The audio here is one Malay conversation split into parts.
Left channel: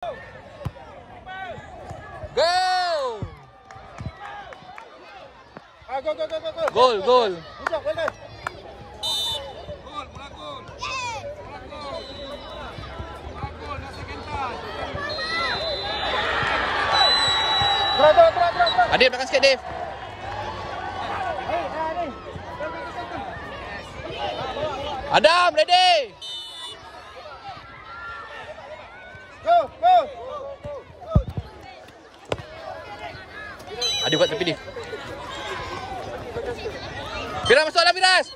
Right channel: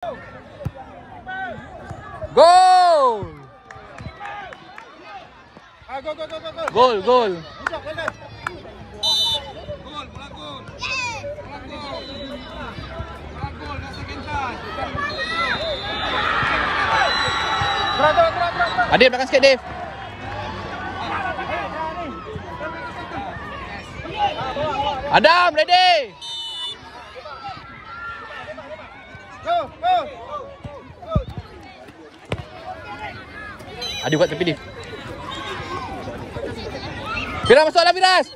Gol! Gol, gol. Adif, belakang sikit, Adif. Adam, ready. Go, go. Adif buat tepi, Adif. Firas masuklah, Firas.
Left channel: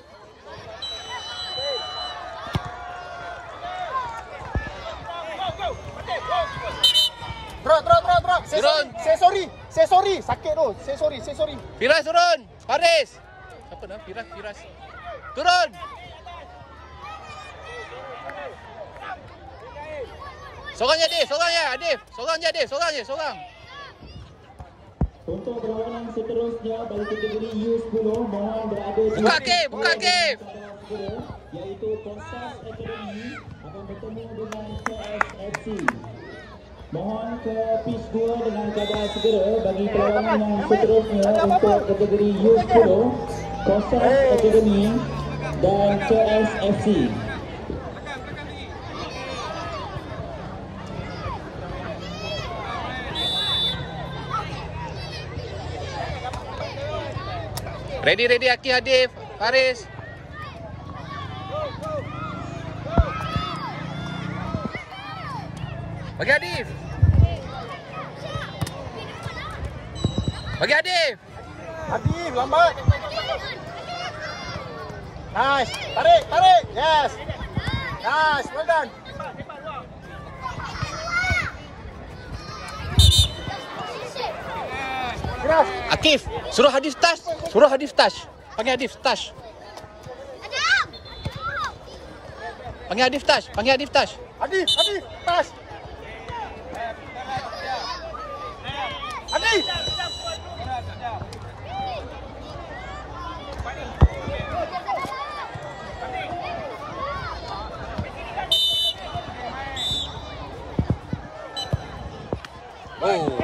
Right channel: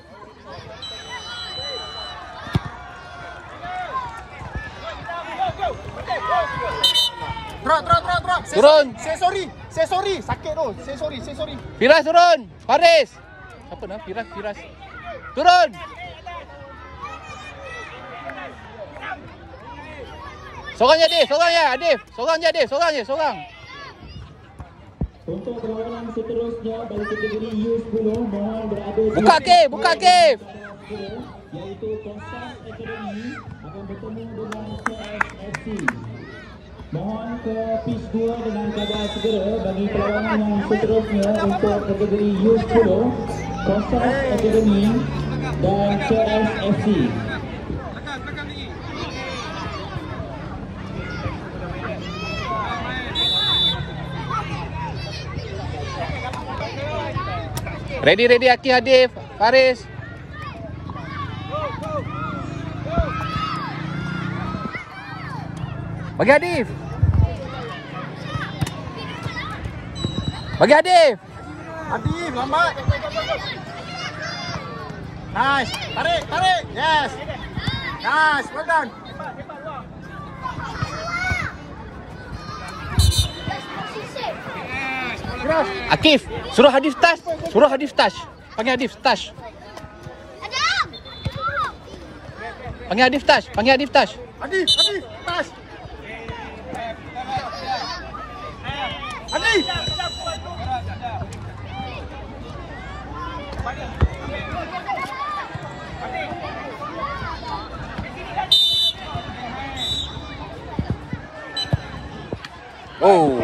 Drop. Turun. Say sorry. Sakit tu. Say sorry. Firas turun. Faris. Siapa nama? Firas. Turun. Seorang je, Adif. Seorang. Untuk perlawanan seterusnya dari kategori U10 mohon berada Buka Kev. Yaitu Kosas Academy akan bertemu dengan KSFC. Mohon ke PIS 2 dengan keadaan segera bagi perlawanan yang seterusnya untuk kategori U10 Kosas Academy dan KSFC. Ready, Aki, Adif, Faris. Bagi Adif. Adif, lambat. Nice. Tarik. Yes. Nice, well done. Akif, suruh Adif touch. Panggil Adif touch. Panggil Adif touch. Adif, pass. Adif. Oh.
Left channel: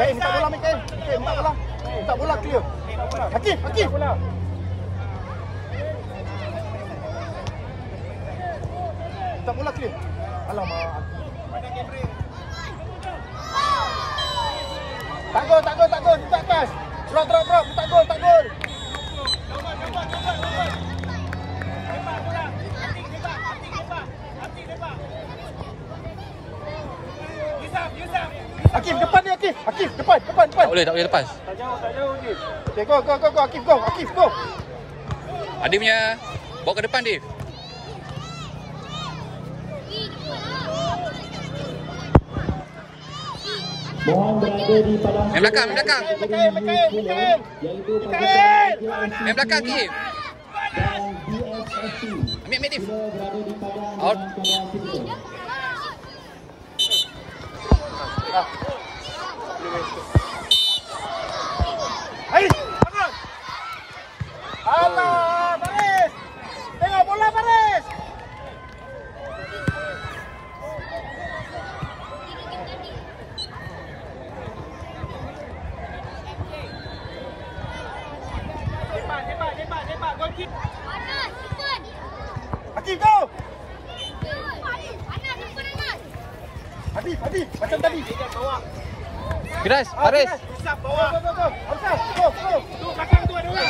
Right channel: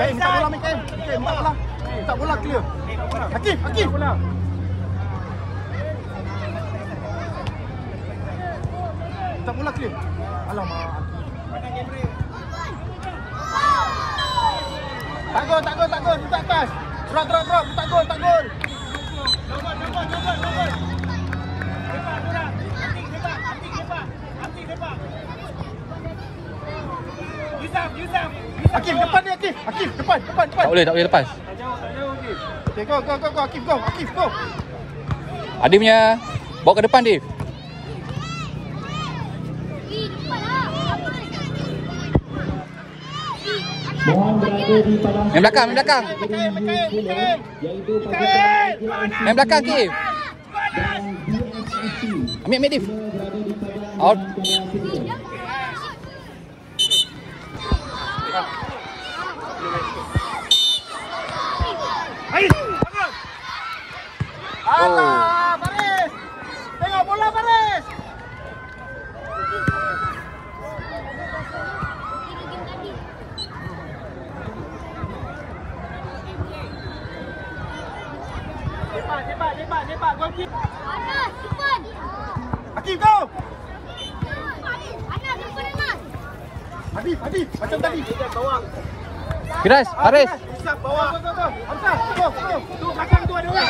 Baik, minta bola Mikael. Minta bola clear. Akif. Minta bola clear. Alamak. Tak gol. Minta atas. Drop. Tak gol. Akif, depan ni Akif. Akif, depan. Tak boleh lepas. Okay, go. Akif, go. Adif punya bawa ke depan, Adif. Mohon berada di padang. Main belakang. Main belakang, Akif. Ambil Adif. Out. Alah, Faris. Tengok bola, Faris. Cepat. Gol kick. Anas, cepat. Akif, go. Anas, cepat Anas. Adif, macam tadi. Firas, Faris. Usap bawah. Go. Hamzah, go. Tu belakang tu ada orang.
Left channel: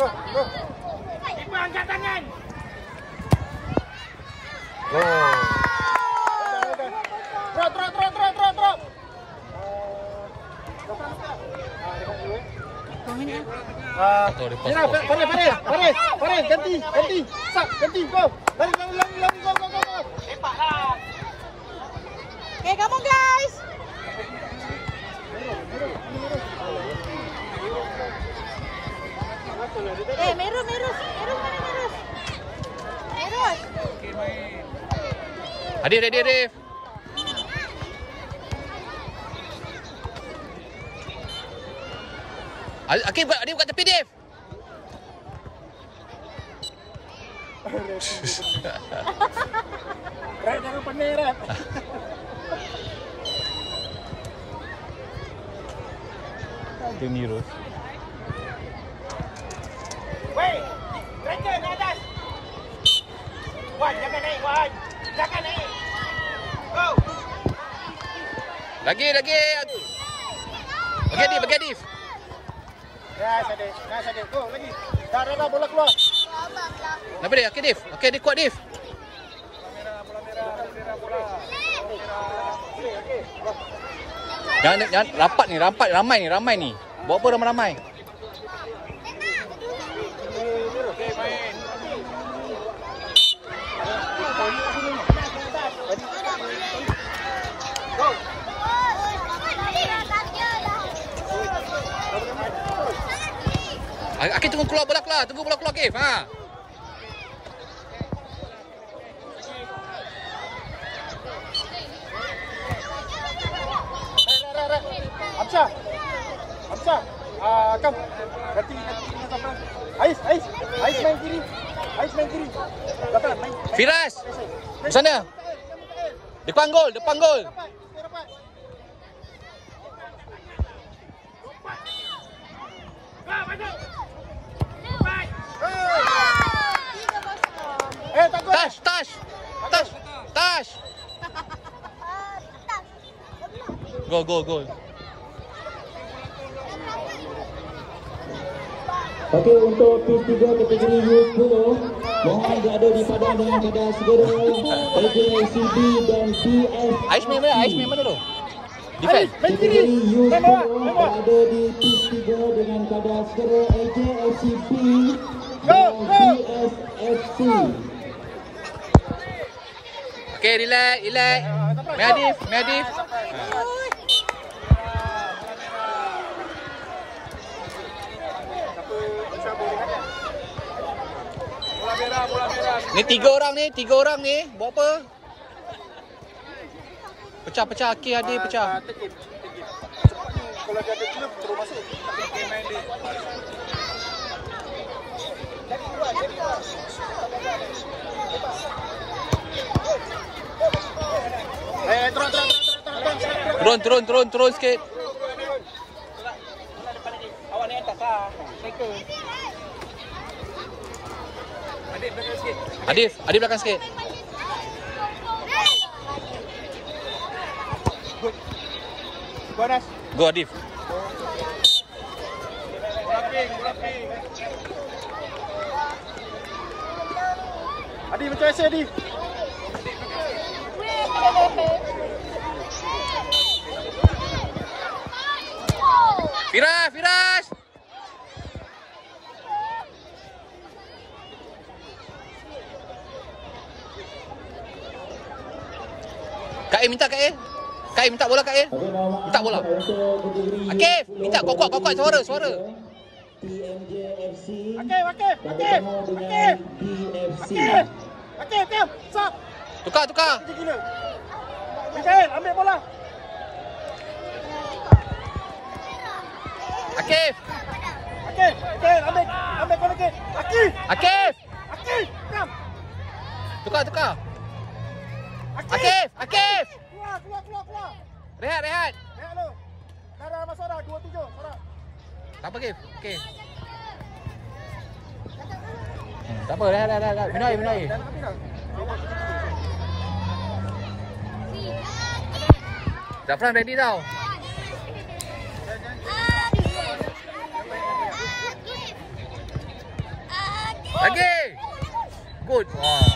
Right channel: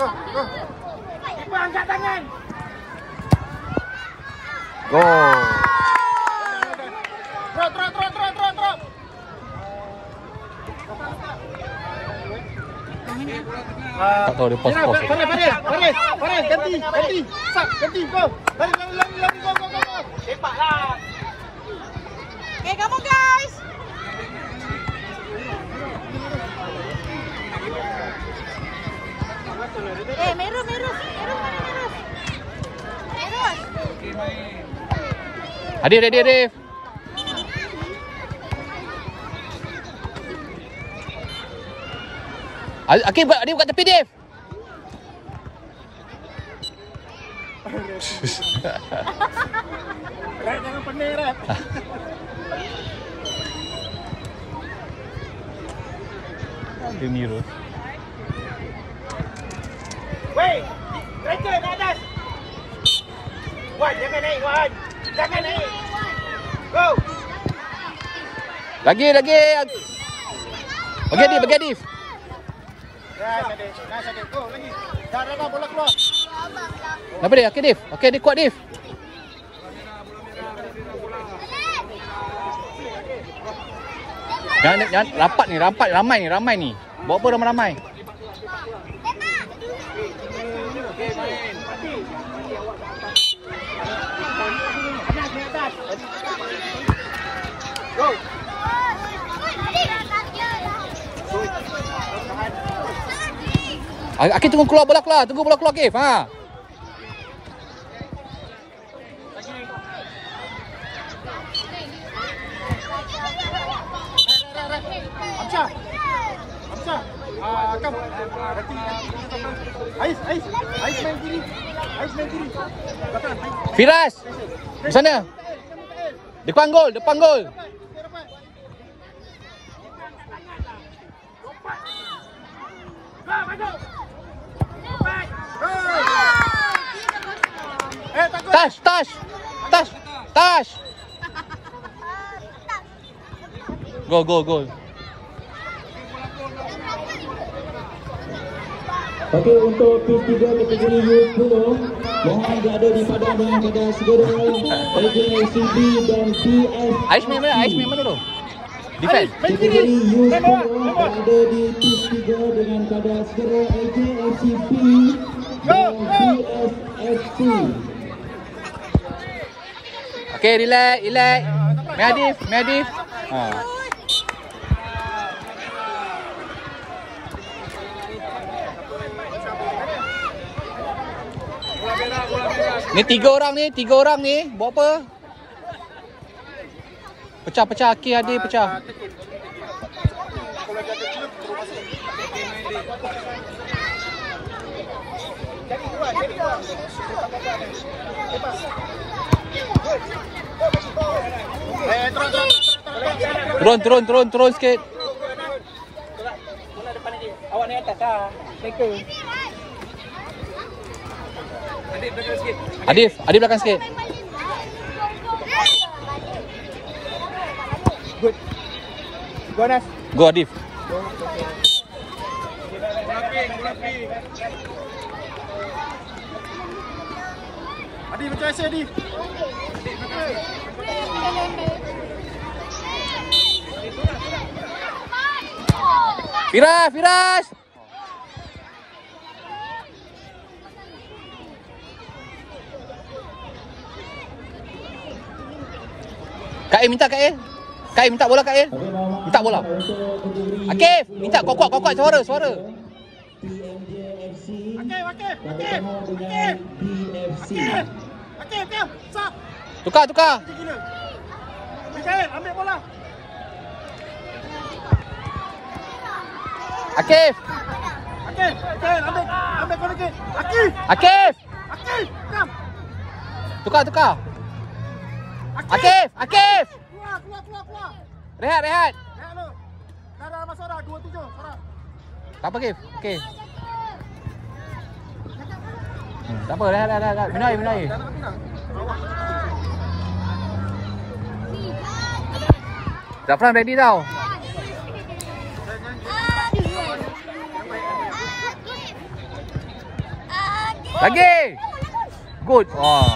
Go. Cepat angkat tangan. Gol. Drop. Tak tahu dia pos. Faris, ganti. Sap, ganti, go. Lari, go. Cepatlah. Okay, come on guys. Meru. Adif. Akif, Adif kat tepi, Dif. Red jangan pening, Red. Ada Mirus. Wei, striker di atas. Wan, jangan naik, Wan. Jangan naik. Go. Lagi. Bagi Adif. Ya, Sadek. Go, lagi. Dah, bola keluar. Kenapa dia? Okey, Dif. Okey, dia kuat, Dif. Bola merah. Jangan rapat ni, ramai ni. Bawa apa ramai-ramai? Okey, main. Go. Akif tunggu keluar bola keluar. Tunggu bola keluar, Akif. Ha. Hamzah. Kan. Berarti Ais main kiri. Depan. Firas. Di sana. Depan gol. Takut. Touch. Gol. Okey, untuk pis 3 kategori U10 yang berada di padang dengan keadaan segera AJCB dan PFC. Ais main mana tu? Defend. Kategori U10 berada di pis 3 dengan keadaan segera AJCB dan PFC. Okey, relax. Medif. Ha. Ni tiga orang ni. Buat apa? Pecah. Akif, Adif pecah. Turun sikit. Awak ni atas lah. Striker. Adif belakang sikit. Good. Go Anas. Go Adif. Bola ping. Adif macam biasa Adif. Firas. Kak minta bola Kak. Minta bola. Akif, minta kuat suara. Akif. Stop. Tukar. Mikael, ambil bola. Akif, ambil bola lagi. Akif. Come. Tukar. Akif. Keluar. Rehat. Rehat lu. Dah masuk dah 27, Sarah. Tak apa, Akif. Okey. Tak apa, rehat. Benar. Zafran ready tau. Lagi. Good. Oh.